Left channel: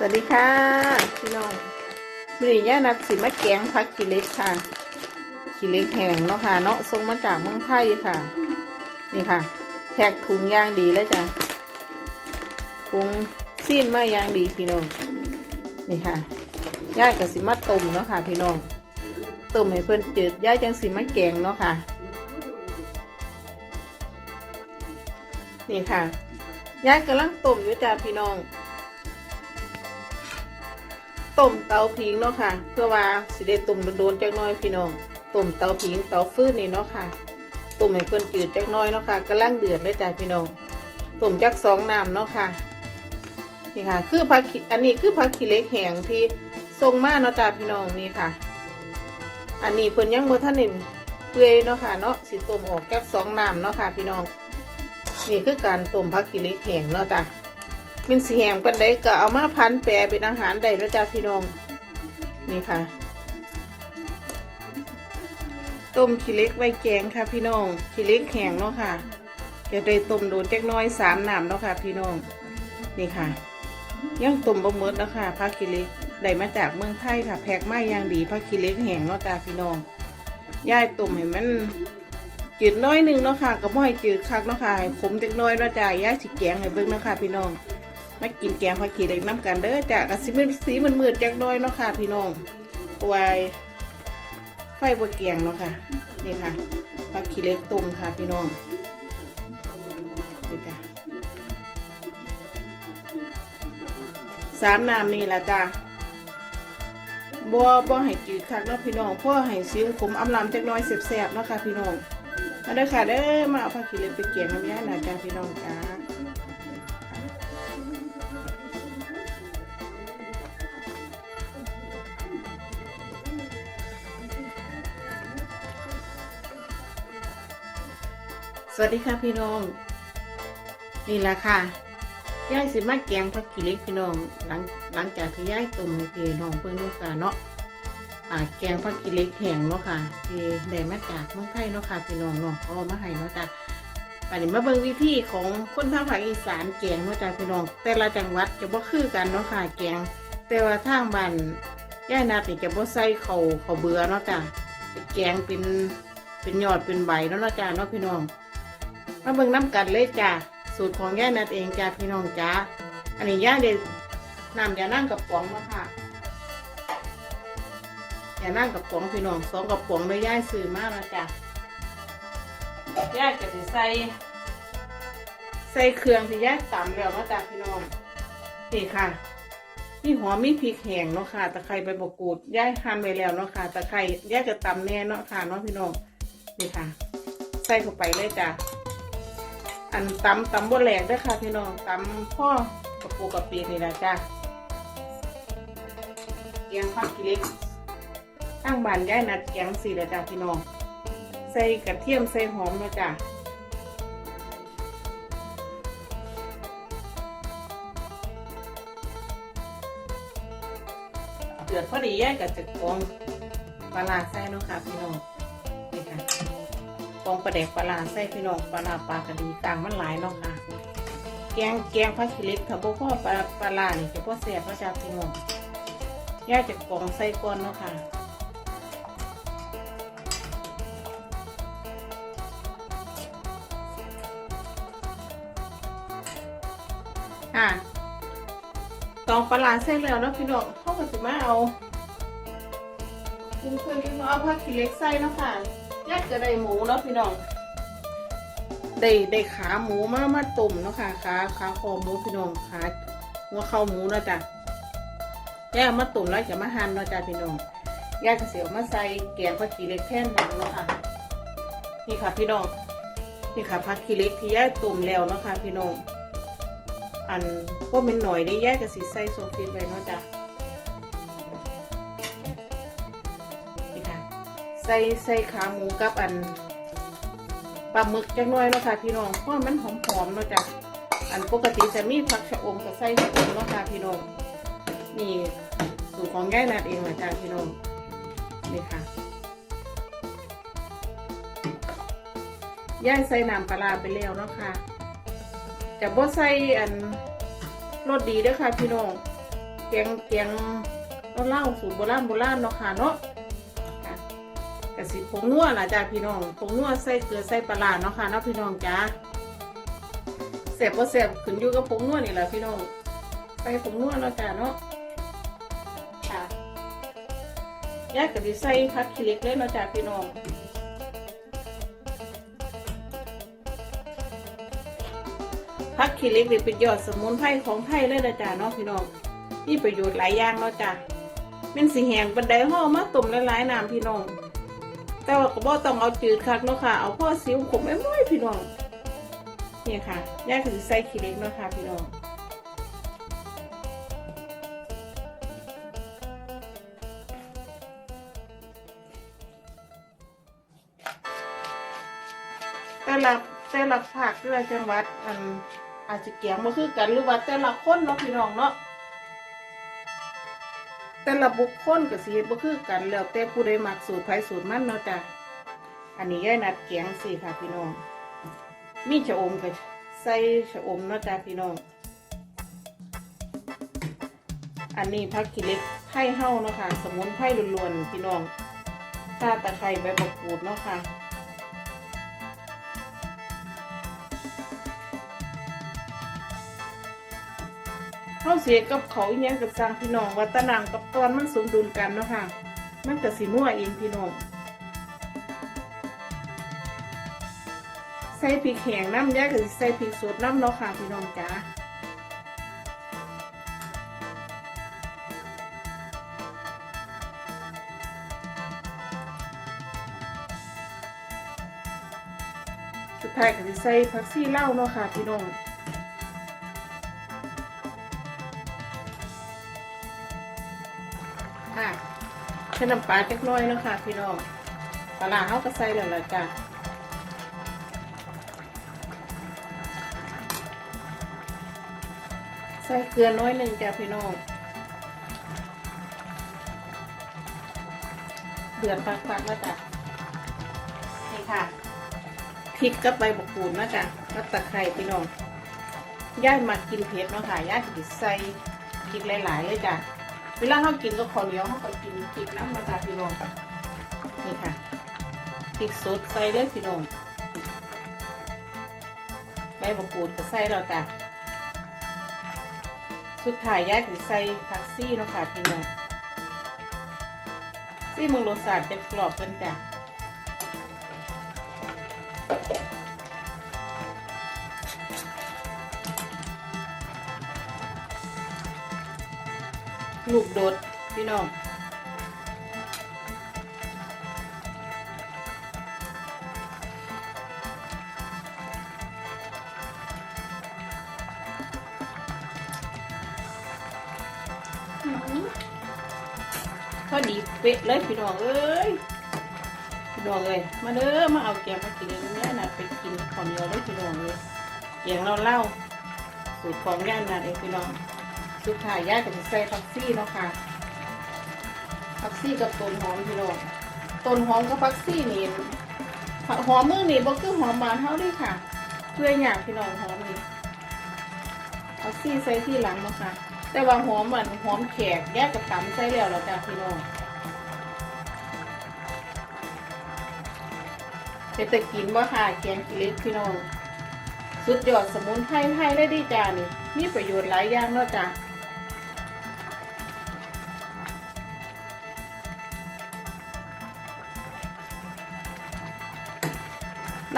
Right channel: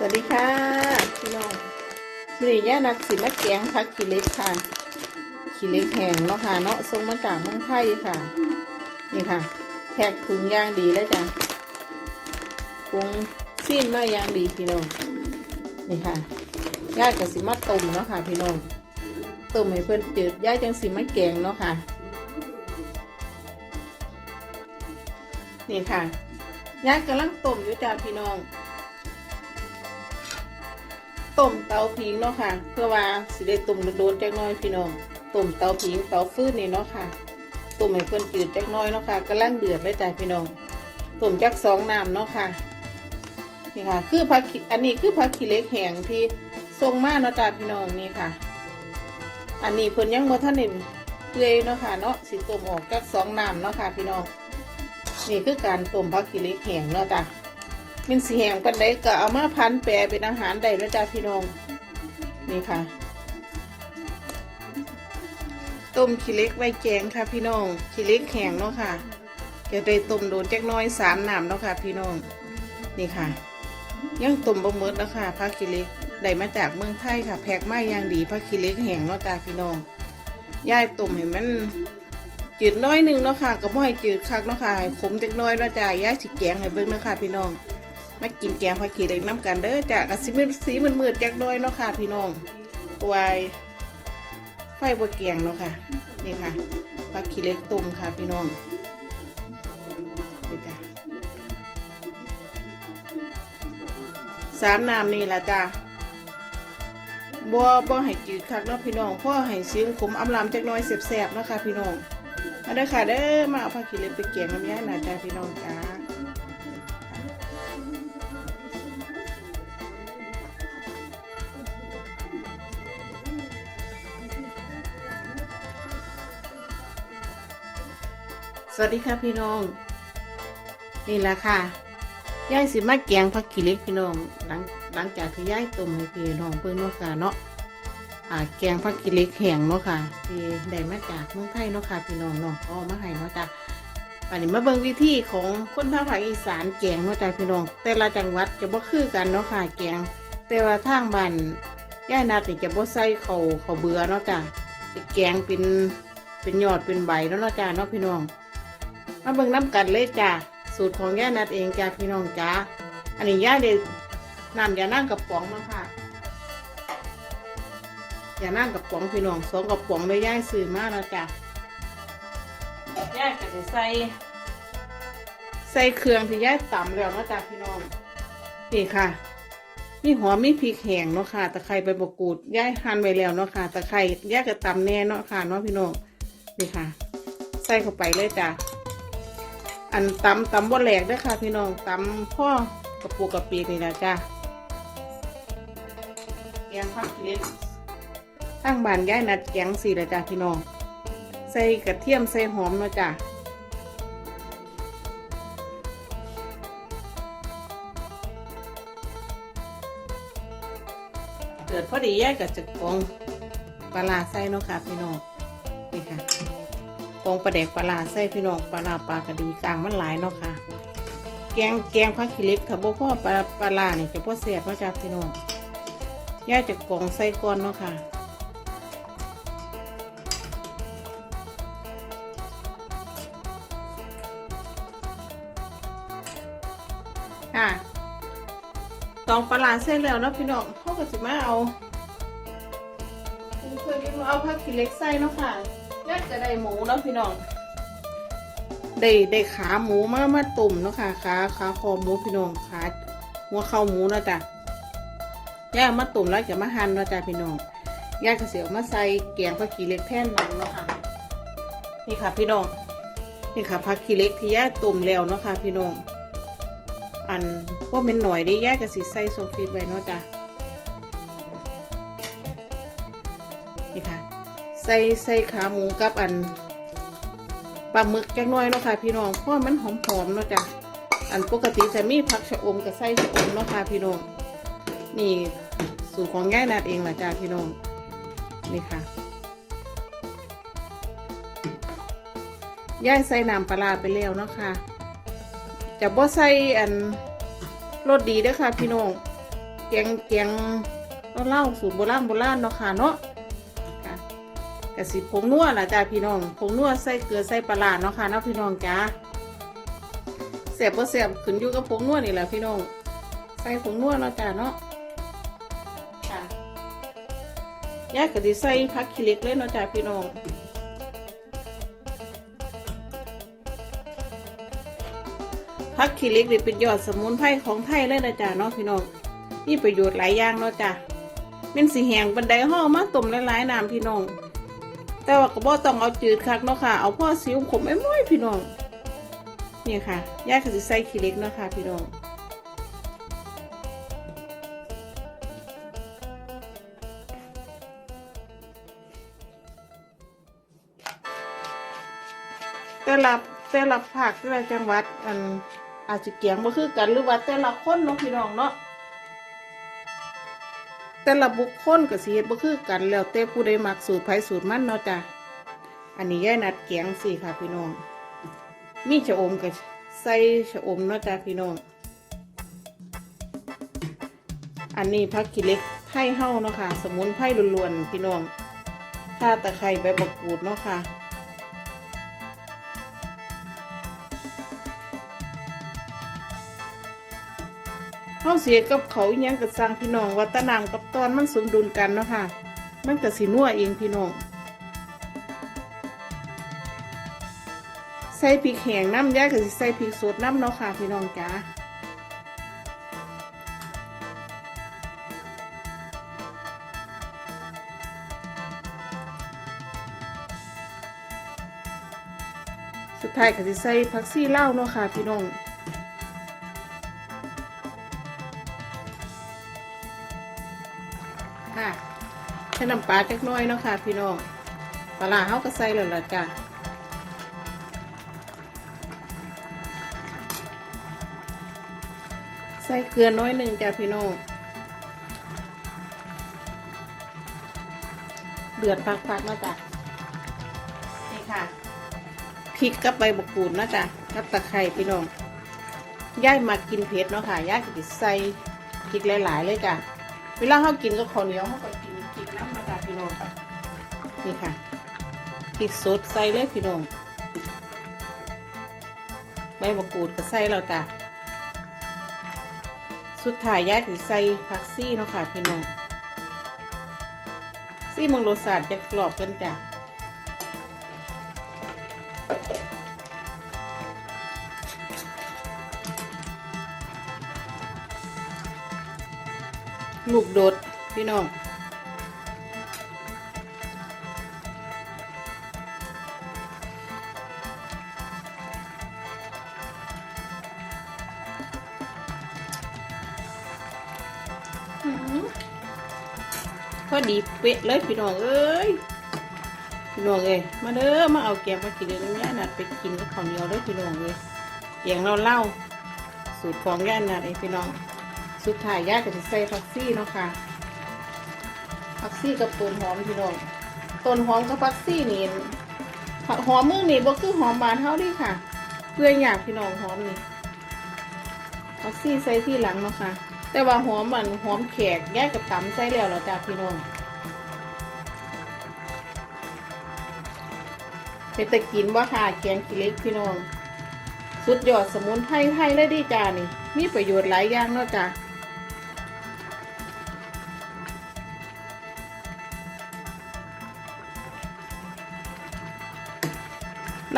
สวัสดีค่ะ พี่น้องมื่อนี้ย่านัดสิมาแกงผักขีเล็กค่ะ ขีเล็กแห้งเนาะค่ะเนาะส่งมาจากเมืองไทยค่ะ นี่ค่ะแพ็กถุงย่างดีเลยจ้ะถุงซีนมาย่างดีพี่น้อง นี่ค่ะย่ากับสิมาต้มเนาะค่ะ พี่น้องต้มให้เพื่อนจืดย่าจังสิมาแกงเนาะค่ะ นี่ค่ะย่ากำลังต้มอยู่จ้าพี่น้อง ต้มเตาผิงเนาะค่ะ เพื่อว่าสิได้ต้มโดนจักน้อยพี่น้องต้มเตาผิงเตาฟืนนี่เนาะค่ะต้มให้เพิ่นจืดจักน้อยเนาะค่ะกำลังเดือดเลยจ้ะพี่น้องต้มจักสองน้ำเนาะค่ะนี่ค่ะ คือผักอันนี้คือผักขี้เล็กแห้งที่ทรงมาเนาะจ้ะพี่น้องนี่ค่ะ อันนี้เพิ่นยังบ่ทันหนเปื่อยเนาะค่ะเนาะสิต้มออกจักสองน้ำเนาะค่ะ พี่น้องนี่คือการต้มผักขี้เล็กแห้งเนาะจ้ะ มันสีแหงกันได้ก็เอามาพันแปรเป็นอาหารได้แล้วจ้าพี่น้อง นี่ค่ะ ต้มขี้เล็กไว้แกงค่ะพี่น้องขี้เล็กแห้งเนาะค่ะจะได้ต้มโดนแจักน้อยสามน้ำเนาะค่ะ พี่น้อง นี่ค่ะ ยังต้มบะเมิดเนาะค่ะผักขี้เล็กได้มาจากเมืองไทยค่ะ แพ็กมาอย่างดีผักขี้เล็กแห้งเนาะจ้าพี่น้องย่ายต้มให้มันจืดน้อยหนึ่งเนาะค่ะก็บ่ให้จืดคักเนาะค่ะให้ขมจักน้อยเนาะจ้าย่ายสิแกงให้เบิ่งเนาะค่ะพี่น้อง มากินแกงผักขี้เหล็กน้ำกันเด้อจ้ะกะสิมืดสีมันมืดๆจักน้อยเนาะค่ะ พี่น้องวายไฟบวแกงเนาะค่ะ นี่ค่ะผักขี้เหล็กต้มค่ะ พี่น้องนี่จ้ะสามน้ำนี่ละจ้ะบัวบัวให้จืดคักเนาะพี่น้องพ่อให้ซิ้วขมอำลำจักน้อยเสียบๆเนาะค่ะ พี่น้องมาเด้อค่ะเด้อมาเอาผักขี้เหล็กไปแกงน้ำยาหน่อยจ้ะพี่น้องจ้า สวัสดีค่ะพี่น้อง นี่แหละค่ะย่ายสิมาแกงผักขี้เล็กพี่น้องหลังหลังจากที่ย่ายต้มพี่น้องเพิ่นเนาะค่เนาะอ่าแกงผักขี้เล็กแห้งเนาะค่ะที่ได้มาจากเมืองไทยเนาะค่ะพี่น้องเนาะเอามาให้เนาะจ้ะอันนี้มาเบิ่งวิธีของคนทางภาคอีสานแกงเนาะจ้ะพี่น้อง แต่ละจังหวัดจะบ่คือกันเนาะค่ะแกงแต่ว่าทางบ้านย่ายนาติจะบ่ใส่เขาวข้าเบื่อเนาะจ้ะแกงเป็นเป็นยอดเป็นใบเนาะเนาะจ้ะเนาะพี่น้อง มาเบิ่งน้ำกันเลยจ้าสูตรของย่านัดเองจ้าพี่น้องจ้าอันนี้ย่าเลยนำยานั่งกับป๋องมาค่ะยานั่งกับป๋องพี่น้องสองกับป๋องไม่ย่าซื้อมาแล้วจ้าย่าจะใส่ใส่เครื่องที่ย่าตำแล้วมาจ้าพี่น้องนี่ค่ะนี่หอมมีพริกแห้งเนาะค่ะตะไคร้ใบมะกรูดย่าหั่นไว้แล้วเนาะค่ะตะไคร้ย่าจะตำแน่เนาะค่ะเนาะพี่น้องนี่ค่ะ ใส่เข้าไปเลยจ้า อันตำตำบ่แหลกด้วยค่ะพี่น้องตำพ่อกระปูกระปีนี่แหละจ้าแกงผักเล็กตั้งบานย้ายนัดแกงสี่ละจ้าพี่น้องใส่กระเทียมใส่หอมนะจ้าเดือดพอดีแยกกับจะกองปลาใส่เนาะค่ะพี่น้อง ประเด็กปลาร้าใส่พี่น้องปลาร้าปลากระดีกลางมันหลายเนาะค่ะ แกงแกงผักขี้เหล็กถ้าบ่พอปลาปลาร้านี่จะพอเสียบมาจากพี่น้องย่าจะกองใส่ก้อนเนาะค่ะค่ะตองปลาร้าใส่แล้วเนาะพี่น้องเขาก็จะมาเอาคุณเคยเอาผักขี้เล็กใส่เนาะค่ะ แยกจะได้หมูเนาะพี่น้องได้ได้ขาหมูมามาตุ่มนะคะขาขาคอหมูพี่น้องขาหัวเข่าหมูนาะจ้ะแยกมาตุ่มแล้วจะมาหั่นนาะจ้ะพี่น้องแยกกระเสียวมาใส่แกงผักขี้เล็กแท่นหมูนะคะนี่ค่ะพี่น้องนี่ค่ะผักขี้เล็กที่แยกตุ่มแล้วนะคะพี่น้องอันพวกเป็นหน่อยได้แยกกระสีใส่โซฟีไว้เนาะจ้ะ ใส่ใส่ขาหมูกับอันปลาหมึกจังน้อยเนาะค่ะพี่น้องเพราะมันหอมๆเนาะจ้ะอันปกติจะมีผักชะอมกับไส้ชะอมเนาะค่ะพี่น้องนี่สูตรของแย่นัดเองละจ้ะพี่น้องนี่ค่ะย่ายใส่น้ำปลาไปแล้วเนาะค่ะจะบ่ใส่อันรสดีเด้วยค่ะพี่น้องแกงแกงเล่าสูตรโบราณโบราณเนาะค่ะเนาะ กะสิผงนัวล่ะจ้าพี่น้องผงนัวใส่เกลือใส่ปลาเนาะค่ะเนาะพี่น้องจ้าแสบบ่แสบขึ้นอยู่กับผงนัวนี่แหละพี่น้องใส่ผงนัวเนาะจ้าเนาะค่ะยายก็สิใส่ผักขี้เล็กเลยเนาะจ้าพี่น้องผักขี้เล็กนี่เป็นยอดสมุนไพรของไทยเลยนะจ๊ะเนาะพี่น้องมีประโยชน์หลายอย่างเนาะจ้ะเป็นสีแหงบันไดเฮามาต้มละลายน้ำพี่น้อง แต่ว่าก็บ่ต้องเอาจืดคักเนาะค่ะ เอาพ่อสิวขมไอ้ม้อยพี่น้องนี่ค่ะย่าก็สิใส่ขี้เล็กเนาะค่ะพี่น้องแต่ละแต่ละภาคแต่ละจังหวัดอันอาจจะเกี่ยงบ่คือกันหรือว่าแต่ละคนเนาะพี่น้องเนาะ แต่ละบุคคลก็สิเฮ็ดบ่คือกันแล้วแต่ผู้ใดมักสูตรไผสูตรมันเนาะจ้ะอันนี้ย่ายนัดเกียงสิค่ะพี่น้องมีชะอมก็ใส่ชะอมเนาะจ้ะพี่น้องอันนี้ผักขี้เล็กไทยเฮาเนาะค่ะ สมุนไพรล้วนๆพี่น้องถ้าตะไคร้ใบมะกรูดเนาะค่ะ ข้าเสียกับเขาเนี่ยกับสังพี่น้องว่าตนางกับตอนมันสมดุลกันเนาะค่ะมันก็สีนัวเองพี่น้องใส่พริกแห้งน้ำยาก็สิใส่พริกสดน้ำเนาะค่ะพี่น้องจ้าสุดท้ายก็สิใส่ผักซี่เล่าเนาะค่ะพี่น้อง ค่ะใช้น้ำปลาจักน้อยเนาะค่ะ พี่น้องปลาร้าเขาก็ใส่เลยละจ้ะใส่เกลือน้อยหนึ่งจ้ะพี่น้องเดือดปักๆนะจ๊ะนี่ค่ะพริกกับใบมะกรูดนะจ๊ะกับตะไคร้พี่น้องย่ายมากินเผ็ดเนาะค่ะย่ายจะใส่พริกหลายๆเลยจ้ะ เวลาเขากินกับข้าวเหนียวเขาก็กินกินน้ำมาตาพี่น้องนี่ค่ะพริกสดใส่เลยพี่น้องใบมะกรูดก็ใส่แล้วจ้ะสุดท้ายยายถึงใส่ผักซี่เนาะค่ะพี่น้องซี่มังรสาดจะกรอบเป็นจ้ะ ลูกโดด พี่น้องพอดีเป๊ะเลยพี่น้องเอ้ยพี่น้องเอ้ยมาเด้อมาเอาแกงมากินกันนะนะไปกินกับข้าวเหนียวได้พี่น้องเลยแกงเราเล่าสูตรของย่นนะเองพี่น้อง สุดท้ายย่าก็จะใส่ผักซี่เนาะค่ะผักซี่กับต้นหอมพี่น้องต้นหอมกับผักซี่นี่หอมมือนี่บ่คือหอมบานเท่าเด้ค่ะเพื่ออยากพี่น้องหอมนี่ผักซี่ใส่ที่หลังเนาะค่ะ แต่ว่าหอมมันหอมแขกย่ากับตำใส่แล้วเราจ้าพี่น้องไปต่กินว่าค่ะแกงขี้เล็กพี่น้อง สุดยอดสมุนไพรไทยเลยดีจ้านี่มีประโยชน์หลายอย่างเนาะจ้า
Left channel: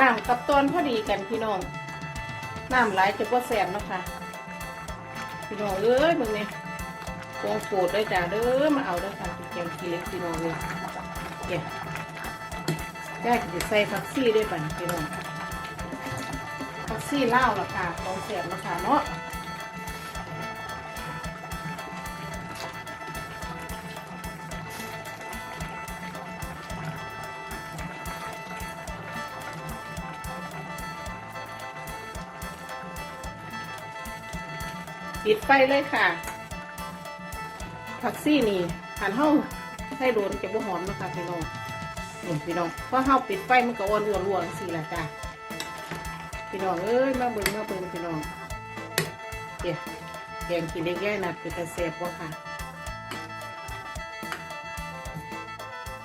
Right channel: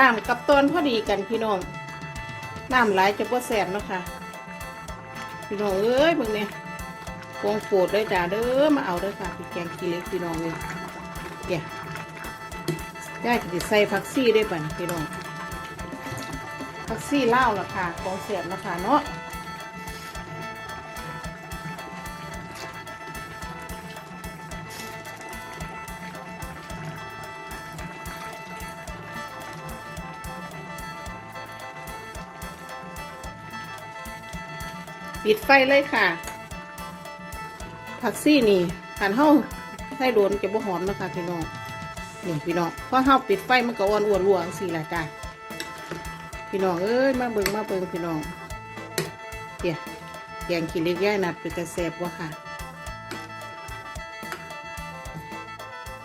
น้ำกับต้นพอดีกันพี่น้องน้ำหลายจะก็แสบนะคะพี่น้องเอ้ยมึงเนี่ยกองโปรดเลยจ้าเด้อมาเอาได้ค่ะพี่แกงขี้เล็กพี่น้องเลยแกได้จะใส่ผักซี่ได้ป่ะพี่น้องผักซี่เล่าราคาของเสียบราคาเนาะ ปิดไฟเลยค่ะ ผักซี่นี่ขันห้องให้โดนเก็บหอมนะคะพี่น้องหนุ่มพี่น้องเพราะห้าปิดไฟมันก็อ่อนวัววัสี่ละจ้าพี่น้องเอ้ยมาเบิ่งมาเบิ่งพี่น้องเกี่ยแกงกินเล็กแย่หนัดเป็นกระเส็บวะค่ะ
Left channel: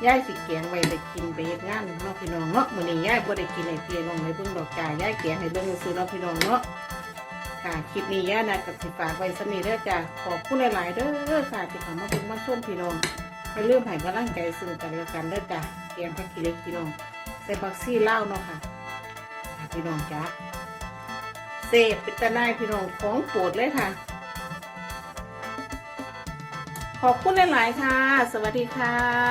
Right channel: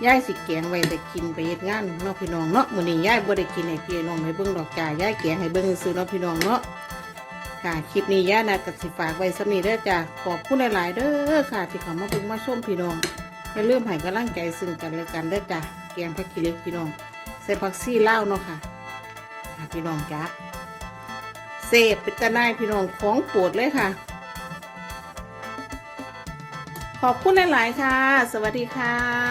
ย่ายสิแกงไว้ไปกินไปเย็ดงานเนาะพี่น้องเนาะมื้อนี้ย่ายบ่ได้กินให้พี่น้องให้เบิ่งดอกจ่ายย่ายแกงให้เบิ่งซื้อเนาะพี่น้องเนาะ ค่ะคลิปนี้ย่านะก็สิฝากไว้สนี้เด้อจ้าขอบคุณหลาย ๆ เด้อค่ะที่เขามาเบิ่งมาชมพี่น้องอย่าลืมให้กำลังใจซึ่งกันและกันเด้อจ้าแกงผักขี้เล็กพี่น้องใส่ผักซี่ลาเนาะค่ะพี่น้องจ้าเสพเป็นตะนายพี่น้องของโปรดเลยค่ะ ขอบคุณหลาย ๆ ค่ะ สวัสดีค่ะ